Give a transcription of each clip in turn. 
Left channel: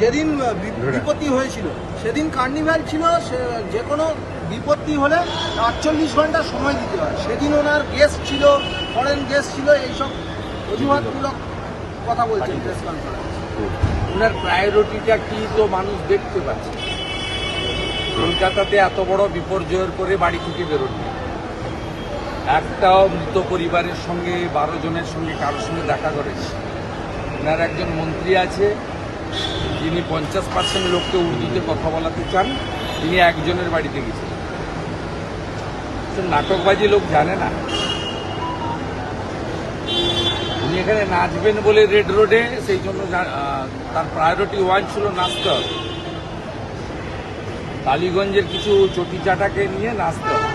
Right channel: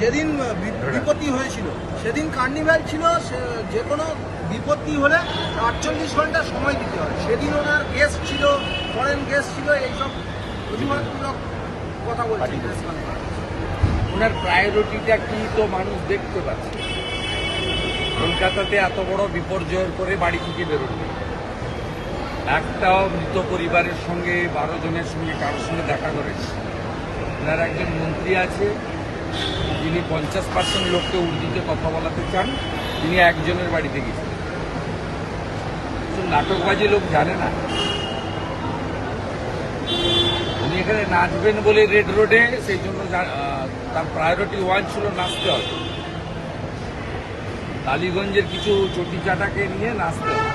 যেদিন বিপত্তি হয়েছিল সেদিন কার্নিভ্যাল ছিল সে- যে কোনো বিপত্তি হলে আটচল্লিশ ঘণ্টা সময় দিতে হবে সেদিন ওনার গেস্ট ছিল ফরেন গেস্ট ছিল এইসব অজুহাতমূলক কথা বলছেন ওনার প্রায়োরিটিটা কি তো মানুষ দেখতে পাচ্ছে? কলকাতাতে এত বড় বিপর্যয়ের পরে বাড়ি থেকে বেরোননি একটাও মৃত পরিবারের সঙ্গে বারো জনের সঙ্গে কারোর সঙ্গে দেখা করেনি। ওনার একজন মন্ত্রী আছে যিনি পঞ্চাশ পার্সেন্ট লোককে উর্দুতে কথা বলাতে চান, তিনি একজনের বাড়িতে গেছেন। নাটকবাজি লোক জানে না। উনি এখানে নাচবেন বলে রেড রোডে সেই জন্য তার প্রায়োরিটি ওয়ান ছিল নাচতে হবে। কালীগঞ্জের কিছু চটি চাটাকে নিয়ে নাচতে হবে।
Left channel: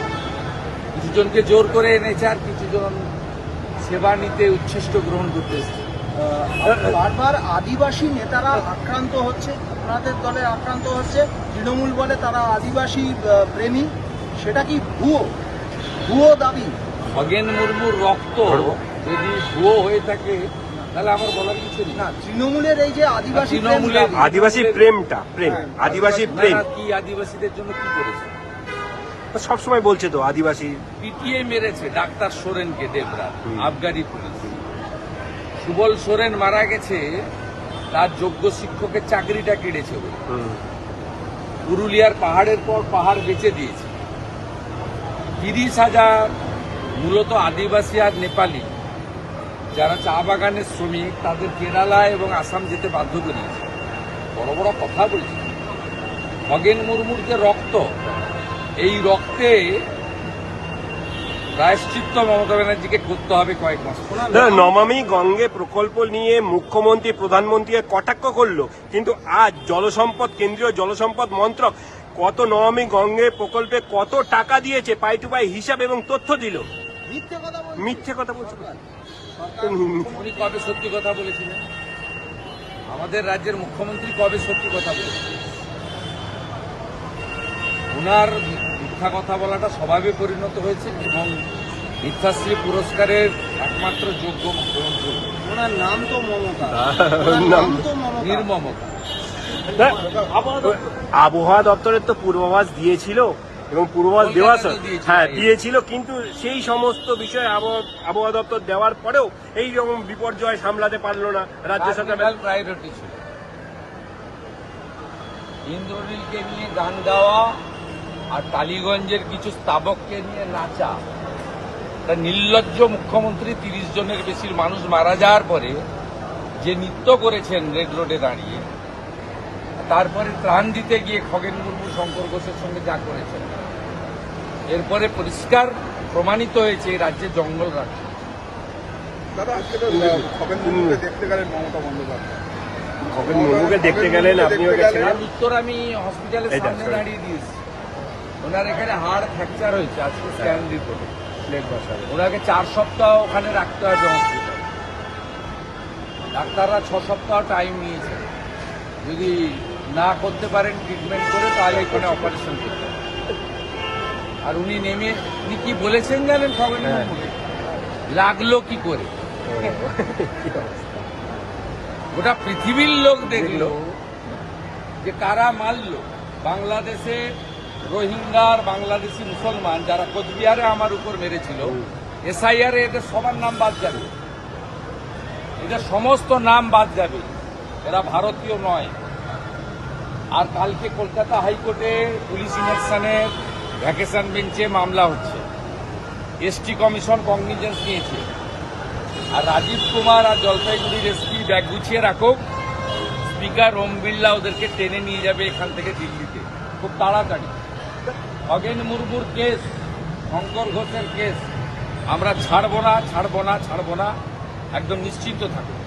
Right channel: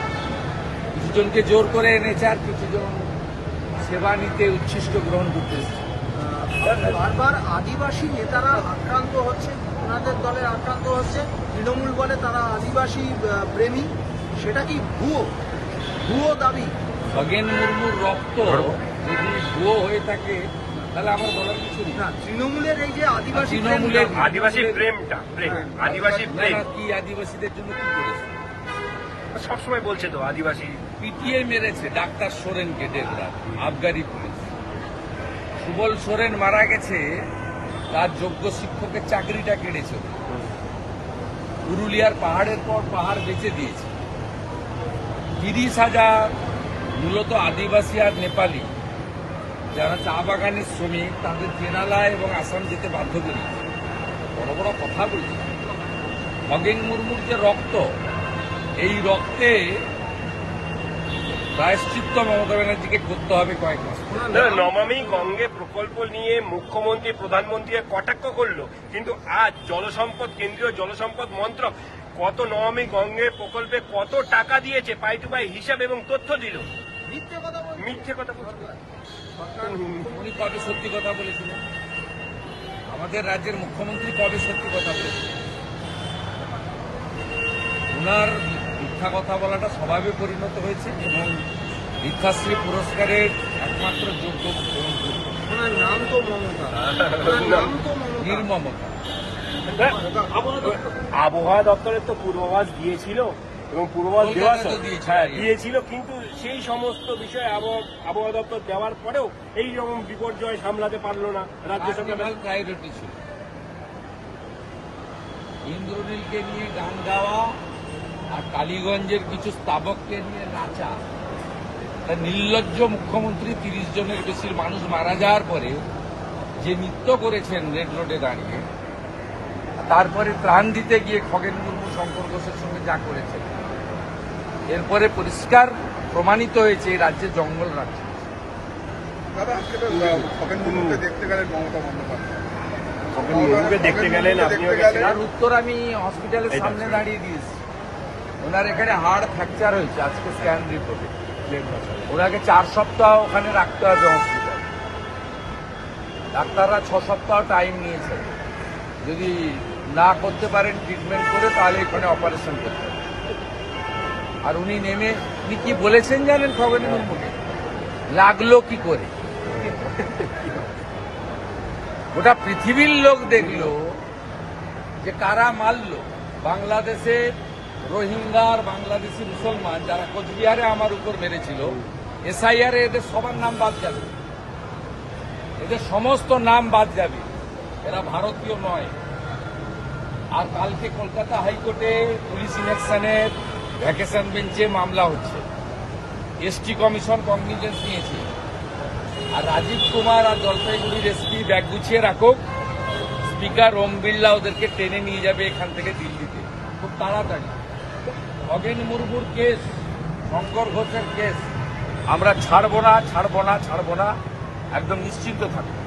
কিছুজনকে জোর করে এনেছে আর কিছুজন সেবা নিতে উচ্ছিষ্ট গ্রহণ করতে। বারবার আদিবাসী নেতারা আক্রান্ত হচ্ছে ওনাদের দলে আক্রান্ত হচ্ছে তৃণমূল বলে তারা আদিবাসী প্রেমী সেটা কি ভুয়ো? ভুয়ো দাবি? খগেন মুর্মুর রক্ত যদি ভুয়ো হয়ে থাকে তাহলে আমার বলার কিছু না তৃণমূলের এই যে আদিবাসী তৃণমূলের আদিবাসী প্রেমটা প্রেম আদিবাসী প্রেম। কি আদিবাসীদের জন্য কি করেছে সবসময় বলছে তো আদিবাসী। পিটিএ মেরেছে ডাক্তার সোরেনকে দেড় রাত আবগারি পুলিশ। সুবল সোরেন মারা গেছে, তার যোগ্য শিক্ষকের চাকরিটা কেড়েছে পুরুলিয়ার পাহাড়ের পর পাহাড় বেঁচে দিয়েছে। তিরিশ হাজার, মূলত আদিবাসী আর নেপালি, যারা চা বাগানের শ্রমিক, তাদের কেরালা এবং আসাম যেতে বাধ্য করেছে। বড় বড় কথা বলছি। খগেন মুর্মুর যে রক্ত, এই রক্তে প্রায়শ্চিত্ত মমতা ব্যানার্জিকে করতে হবে কয়েক মাস। নমামি গঙ্গে প্রকল্প নিয়ে মুখ্যমন্ত্রী প্রধানমন্ত্রী কটাক্ষ করল। কিন্তু আজ জলসম্পদ কেন্দ্রীয় জলসম্পদ মন্ত্রক কত নমামি গঙ্গে প্রকল্পে কত টাকা দিয়েছে পাই টু পাই হিসাব এবং তথ্য দিল? মিথ্যে কথা উনি কবে সত্যি কথা বলেছিলেন? আমাদের রাজ্যের মুখ্যমন্ত্রী কবে সত্যি কথা বলেছিলেন? ওনার মিথ্যা কথা বলাটা স্বভাবে পরিণত হয়েছে এবং মিথ্যাশ্রী পুরস্কারের একমাত্র যোগ্য নির্মমতা। আবহাওয়া দপ্তরের তো পূর্বাভাস দিয়েছিল এবং পূর্বাভাস দেওয়া হ্যাঁ দিয়েছিল কিন্তু সেই সমস্ত বিষয় আবহাওয়া দপ্তর দেওয়ার পরেও এই রকম বিপর্যয় সামলাতে পারল না রাজ্য সরকার কার্নিভাল প্রায়োরিটি ছিল। ইন্দ্রনীলকে নিয়ে গান গাওয়া আর কালীগঞ্জের কিছু স্থাবককে নিয়ে নাচা। তা নির্লজ্জ মুখ্যমন্ত্রী তিরিশ জনের বেশি মানুষ মারা যাওয়ার পরে যে নৃত্য করেছেন রেড রোডে দাঁড়িয়ে তারপরে ত্রাণ দিতে গিয়ে খগেন মুর্মু শঙ্কর ঘোষের সঙ্গে যা করেছেন এরপরে পরিষ্কার প্রমাণিত হয়েছে এই রাজ্যে জঙ্গল রাজ্য। তার উত্তর আমি হসপিটালের সামনে দাঁড়িয়ে দিয়েছি। ওনার এখানে হাড় ফ্র্যাকচার হয়েছে আজকে স্ক্যান রিপোর্টে ওনাকে চার সপ্তাহ ওখানে রাখতে হবে হসপিটাল ডাক্তাররা ছ সপ্তাহ টাইম নিয়েছেন যদি না করতে পারেন ট্রিটমেন্ট করে, তাহলে এখানে অপারেশন করতে হবে। আর উনি নেমে, উনি কি বলেছেন জানেন খগেন মুর্মুকে লাগল কি করে? গোটা পৃথিবীর লোক দেখল যে কারা মারল? বাংলাদেশে রোহিঙ্গার বাংলাদেশি মুসলমান যারা কোচবিহারে আমার উপর মেরেছিল, এসআইআর এদের সবার নাম বাদ যাবে। এদের সমস্ত নাম বাদ যাবে। এরা ভারতীয় নয়। আর কালকে কলকাতা হাইকোর্টে পুলিশ ইলেকশনের ভ্যাকেশন বেঞ্চে মামলা হচ্ছে। এসটি কমিশন কগনিজেন্স নিয়েছে। আর রাজীব কুমার আর জলপাইগুড়ির এসপি ব্যাগ গুছিয়ে রাখুক। স্পিকার ওম বিড়লা ওদেরকে টেনে নিয়ে যাবে এখান থেকে দিল্লিতে। খুব তাড়াতাড়ি। খগেন মুর্মুর কেস শঙ্কর ঘোষের কেস। আমরা ছাড়বো না ছাড়বো না ছাড়বো না একদম নিশ্চিন্ত থাকুন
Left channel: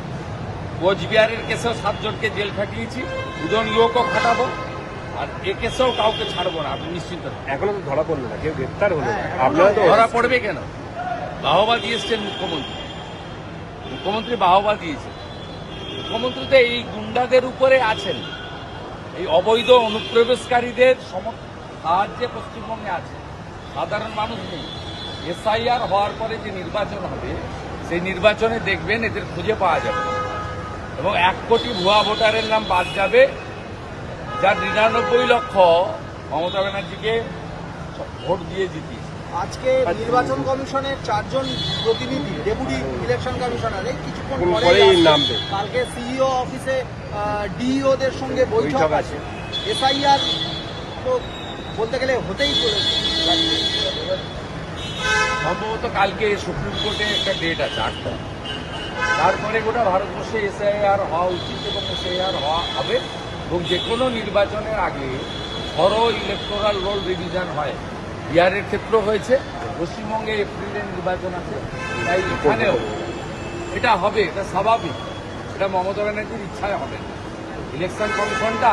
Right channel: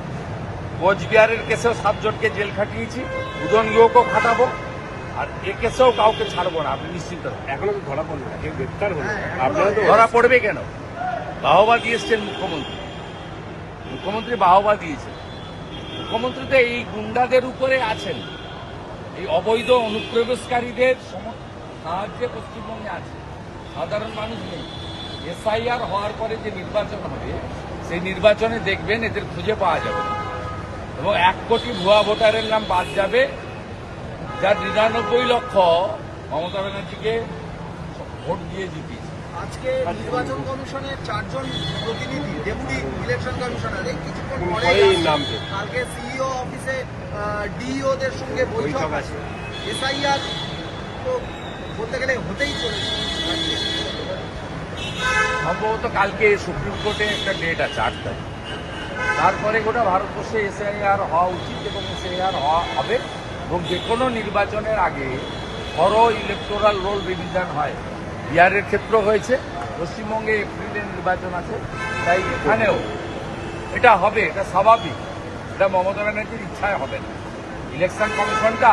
কোচবিহারের কেসেও সাতজনকে জেল খাটিয়েছি উদন ইয়োকও খাটাবো আর এ কেসেও কাউকে ছাড়বো না আপনি নিশ্চিন্ত থাকুন। এখনও ধরা পড়ল না গ্রেপ্তার হলো ধরা পড়বে কেন? বাহবা দিয়েছেন মুখ্যমন্ত্রী। মুখ্যমন্ত্রী বাহবা দিয়েছেন। মুখ্যমন্ত্রী তো এই গুন্ডাদের উপরে আছেন। এই অবৈধ অনুপ্রবেশকারীদের সম- যে পশ্চিমবঙ্গে আছে সাধারণ মানুষ নেই। এসআইআর হওয়ার পরে যে নির্বাচন হবে সেই নির্বাচনে দেখবেন এদের খুঁজে পাওয়া যাবে। এবং এক কোটি ভুয়া ভোটারের নাম বাদ যাবে যার নিরানব্বই লক্ষ মমতা ব্যানার্জিকে ভোট দিয়ে জিতিয়েছে। আজকে নির্বাচন কমিশনের চারজন প্রতিনিধি ডেপুটি ইলেকশন কমিশনার এই কিছুক্ষণ পরে কালকে সিইও অফিসে ডিইওদের সঙ্গে বৈঠক আছে। এসআইআর তো বলতে গেলে হতেই চলেছে। সম্ভবত কালকে সুপ্রিম কোর্টে একটা ডেট আছে, আট তারিখ। তারপরে গোটা ভারতবর্ষে এসআইআর হওয়া উচিত এবং এসআইআর হওয়া হবে এবং যে কোনো নির্বাচনের আগে বড় ইলেকটোরাল রোল রিভিশন হয়। বিহারের ক্ষেত্র হয়েছে, পশ্চিমবঙ্গে এপ্রিলের নির্বাচন আছে, তাই এখানেও এটা হবে, এটা স্বাভাবিক। এটা মমতা ব্যানার্জির ইচ্ছায় হবে না। ইলেকশন কমিশনটা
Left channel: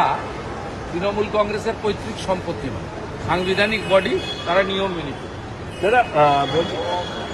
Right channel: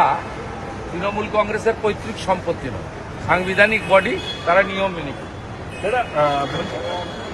তৃণমূল কংগ্রেসের পৈতৃক সম্পত্তি নয়। সাংবিধানিক বডি তারা নিয়ম মেনে বলছি-